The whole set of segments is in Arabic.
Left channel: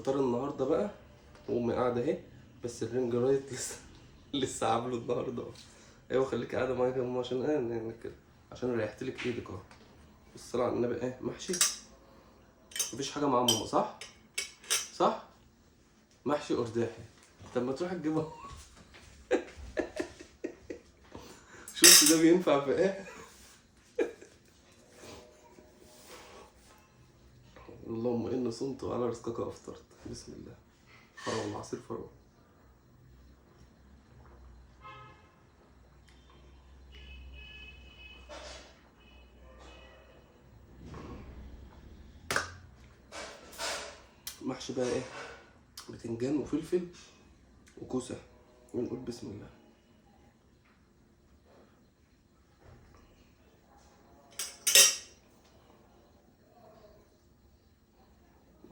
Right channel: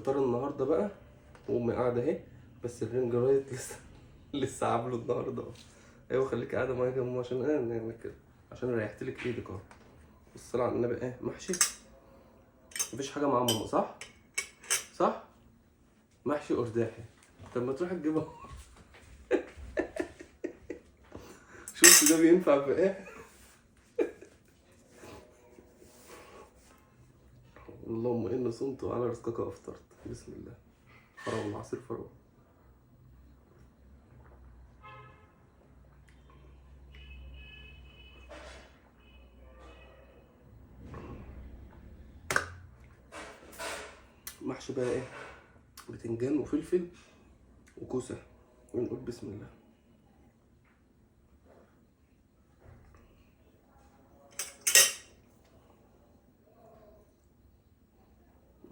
فطار النهارده بقى، وامي قاعده اهي. بس الرنج رايت لسه عامله النهارده. ايوه خليك قاعده معايا كده يا ماما، عشان نعمل كده، عشان ريحت لك ايدك اهو. الصلاة على النبي. ايه محشي؟ مفيش حاجه مع ماما، صح؟ صح؟ محشي ارداحي. طب ما تروح تجيبها. شفت ده بينفع في ايه؟ اللهم اني صمت وعلى رزقك افطرت. بسم الله. فراوله، عصير فراوله. محشي بقى ايه؟ بتنجان وفلفل وكوسه. ونقول بسم الله.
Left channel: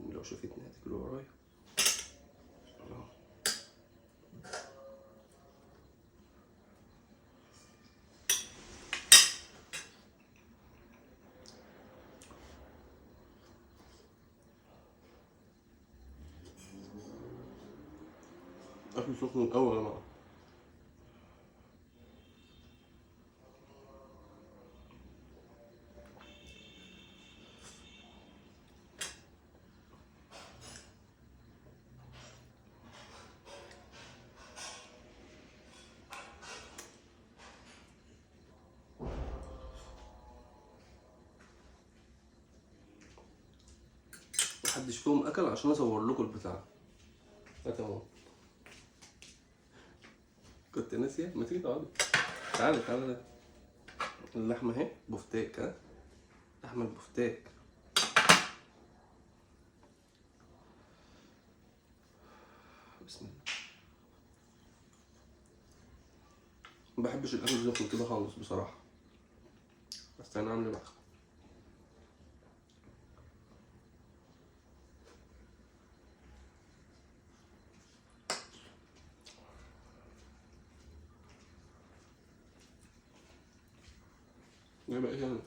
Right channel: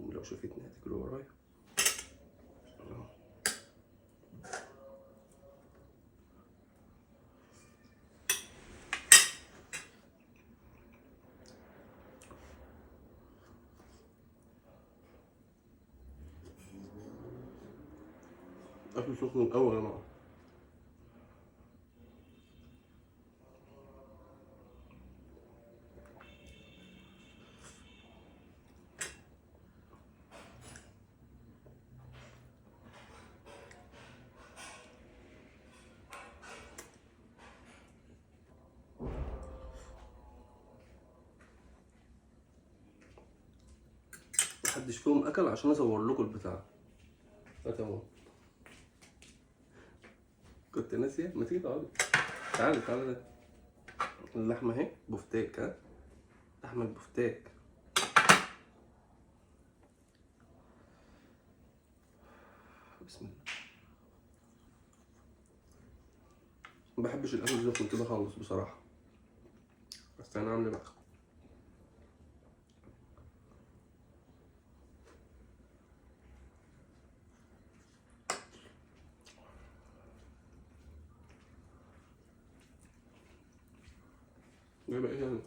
لو شافتني هتجري ورايا. اكل سخن الاول يا جماعه. محدش فيهم اكل عشان اصور لكم البتاع. تمام. كنت ناسيه. ما تيجي تقعدي. تعالي تعالي. اللحمه اهي بفتيك. ها، لحمه البفتيك. بسم الله. ما بحبش الاكل الزفر كده خالص بصراحه، بس انا عامل بقى. ايه بقى يعني؟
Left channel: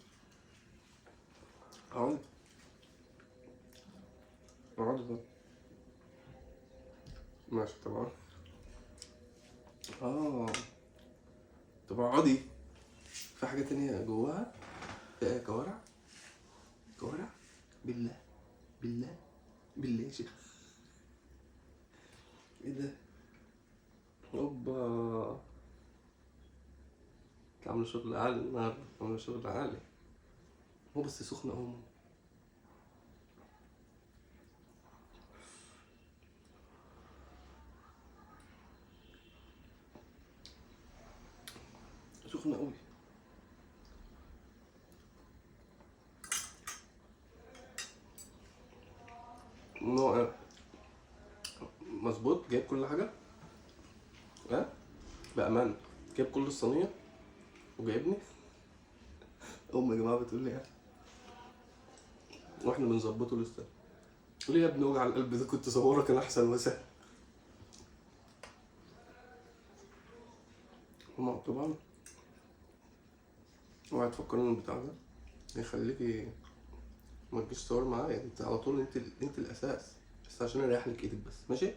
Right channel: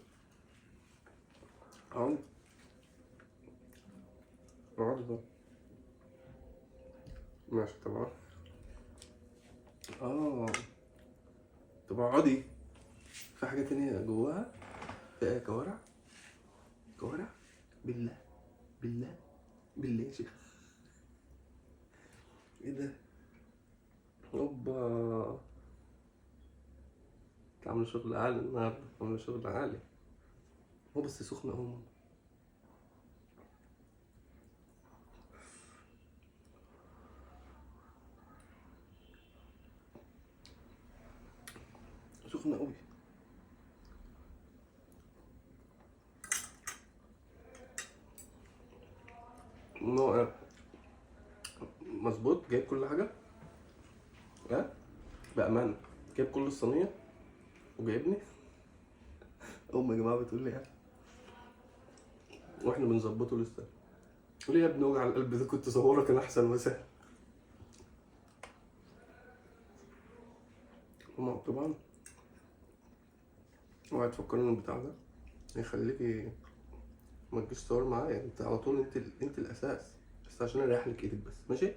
اقعد. اقعد بقى. ماشي طبعا. اه. طب اقعدي. في حاجه تانية جواها. في ايه؟ كوارع. كوارع. بالله. بالله. بالله يا شيخ. ايه ده؟ اوبا. عامل شغل عالي النهارده، عامل شغل عالي. هو بس سخنه قوي. سخنه قوي. نوع. مظبوط، جايب كل حاجه. ها، بامانه. جايب كل الصينيه وجايبني. يا جماعه بتقول لي ايه؟ واحنا بنظبطه لسه. ليه يا ابني وجع القلب ده؟ كنت صورك كان احسن وسهل. هما طبعا. اوعي تفكرني ان البتاع ده يخليكي ما تجيش تصور معايا. انت على طول، انت الاساس. بس عشان اريح لك ايدك بس، ماشي.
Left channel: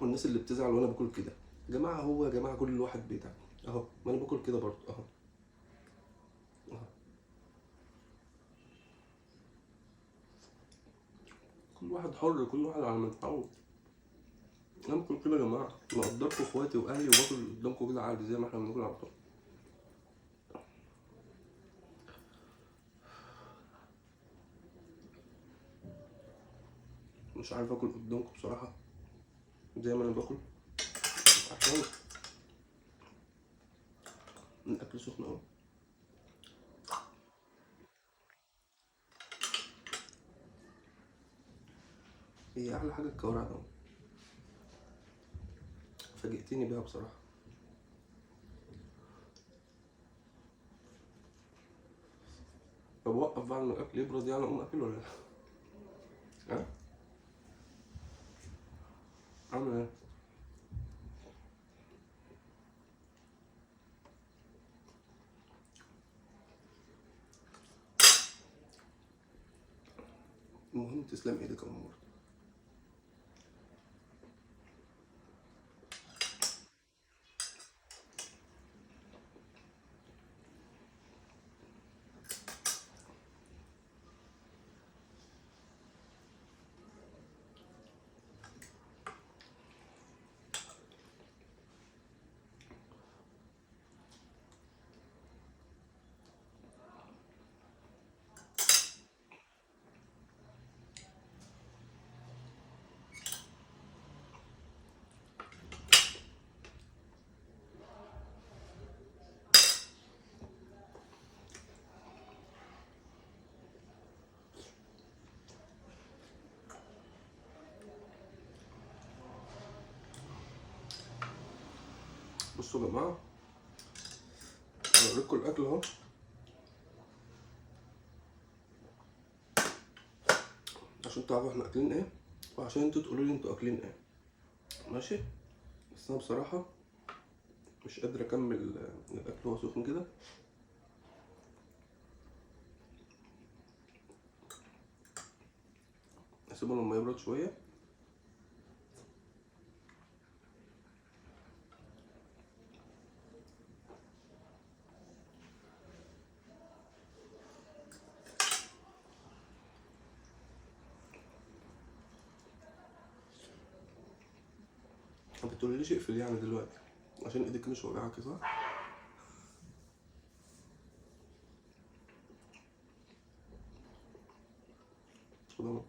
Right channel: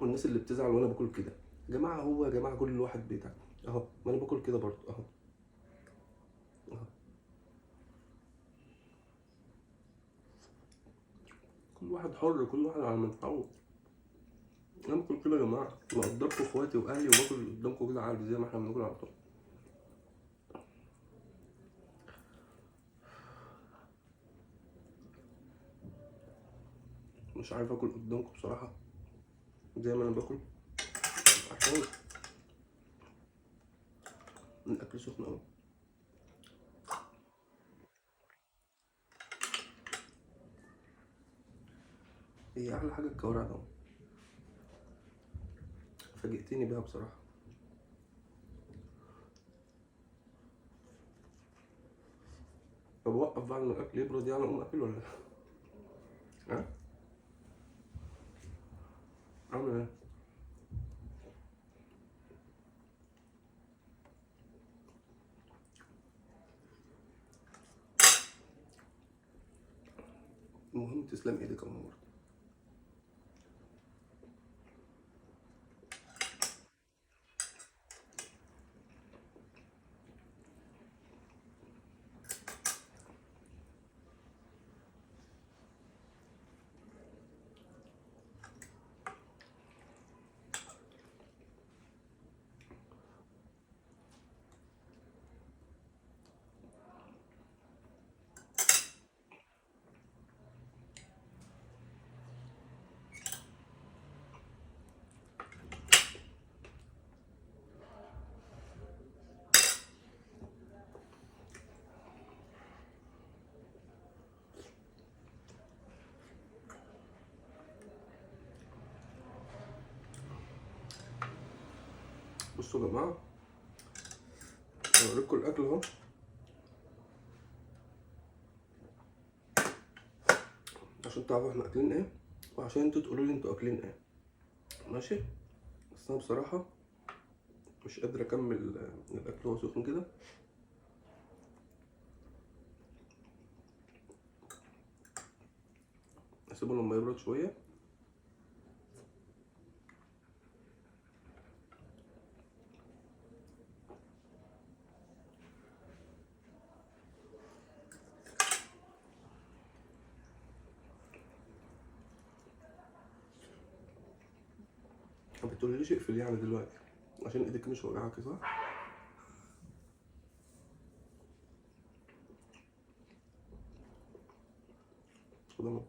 والناس اللي بتزعل وانا باكل كده، يا جماعه هو يا جماعه كل واحد بيتعب اهو. ما انا باكل كده برضه اهو. اهو. كل واحد حر، كل واحد على ما يتعود. انا باكل كده يا جماعه، مقدركم اخواتي واهلي، وباكل قدامكم كده عادي زي ما احنا بناكل على طول. مش عارف اكل قدامكم بصراحه زي ما انا باكل، عشان الاكل سخن قوي. هي احلى حاجه الكوارع ده. فاجئتني بيها بصراحه. طب وقف بقى لما الاكل يبرد يعني اقوم اكل ولا لا؟ ها؟ عامل ايه؟ المهم تسلم ايدك يا أم. بصوا يا جماعة، هوريكم الأكل أهو، عشان تعرفوا احنا أكلين ايه، وعشان انتوا تقولوا لي انتوا أكلين ايه. ماشي؟ بس أنا بصراحة مش قادر أكمل الأكل وهو سخن كده. أسيبه لما يبرد شوية. ما بتقوليليش اقفل يعني دلوقتي عشان ايدك مش وجعاكي، صح؟ خد.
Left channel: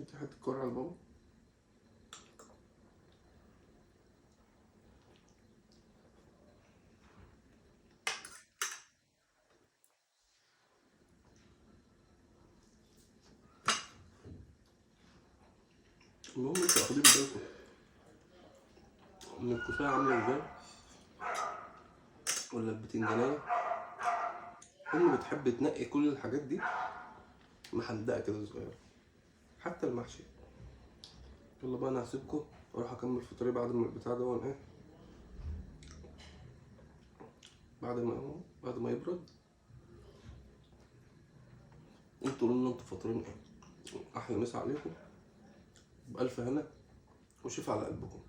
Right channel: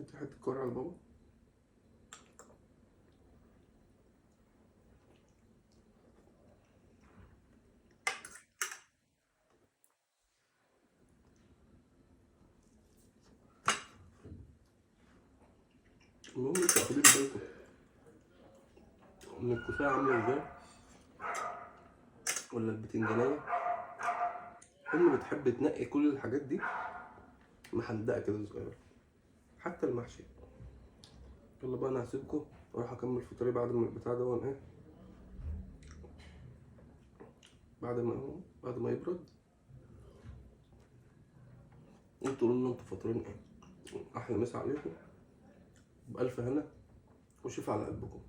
انت حتة كورة على بابا. المهم انتوا واخدين بالكم ان الكوساية عاملة ازاي، ولا البتنجانية. امي بتحب تنقي كل الحاجات دي محندقة كده صغيرة، حتى المحشي. يلا بقى انا هسيبكم واروح اكمل فطاري بعد ما البتاع ده ايه، بعد ما يبرد. انتوا قولوا لنا انتوا فاطرين ايه. احلى مسا عليكم، بألف هنا وشوف على قلبكم.